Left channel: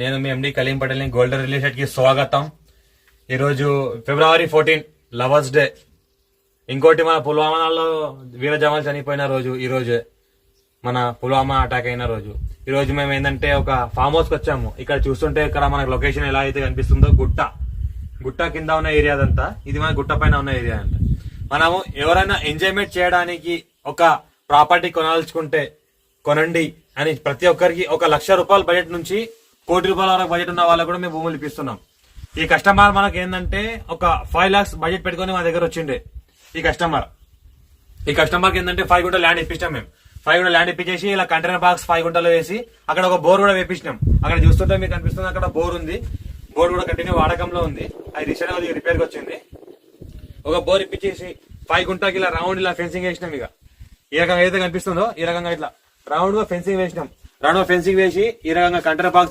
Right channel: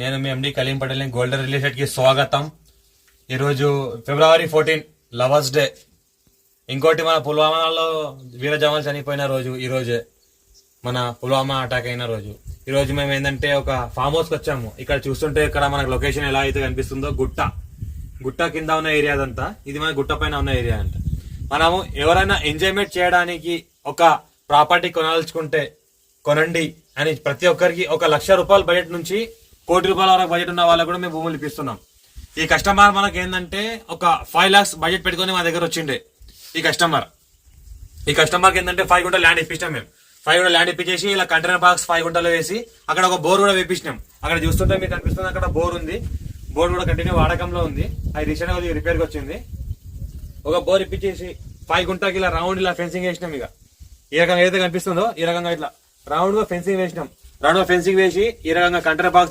నేను మీ ఎండి Kaleem Patel golden release కి స్వాగతం. ఈరోజు February 14 లవర్స్ డే. ఇంకోటి మన పుల్వామాలో వీర జవాన్లు చనిపోయిన రోజు ఈ రోజే, మన పుల్వామా అటాక్ అయిన రోజు. ఈ రోజు మేము ఏంటంటే ఒక ఫామ్ హౌస్ కి వచ్చాము. ఇక్కడ చూస్తుంటే ఇక్కడ మనకు లొకేషన్ ఎలా అయితే కనిపిస్తుందో గుట్ట కింద ఉన్న ఏరియా అదంతా, ఇది మన గుట్ట పైన ఉన్న ఏరియా అంట. మనము ఎవరైనా ఎంజాయ్మెంట్ చేయడానికి ఒక ప్రాపర్టీ కొనాల్చుకుంటే కొనండి అని ప్రతి ఒక్కరికి ఒక ₹1,00,000 బడ్జెట్ నుంచి ₹1,00,00,000 వరకు బడ్జెట్ ఉన్న వాళ్ళకు కూడా మేము భూములు ఇప్పిస్తున్నాం. ఈ కస్టమర్ మనకి ఏంటంటే ఒక 5 lakhs బడ్జెట్ పెట్టుకుని మా దగ్గర వచ్చిండే. ఈ కస్టమర్కి ఏంటంటే 5 గుంటలు ల్యాండ్ ఇప్పించాం. మేము 5 గుంటలు ల్యాండ్ ఇప్పించేసి ఇలా కంటైనర్ బాక్స్ 5 గుంటలు వేసి అక్కడ ఒక బోర్ కూడా వేపించినాం. అక్కడ చూస్తుంటే మీకు కనిపిస్తుంది, అక్కడ బోర్ ఉంది. బోర్ కూడా కంటిన్యూ వాడకంలో ఉంది. అది రీసెంట్ గా రిపేర్ కి వచ్చింది. ఒక బోర్ ఇప్పించేసి 5 గుంటకి ఇలా రౌండ్ ఇలా ఫెన్సింగ్ వేసినాం. ఇక ఈ రకంగా ఏదైతే కనిపిస్తుందో ఈ రకంగా ఇట్లా రౌండ్ గా ఫెన్సింగ్ వేసినాం. రౌండ్ గా ఫెన్సింగ్ వేసి ఈ రకంగా కంటైనర్ బాక్స్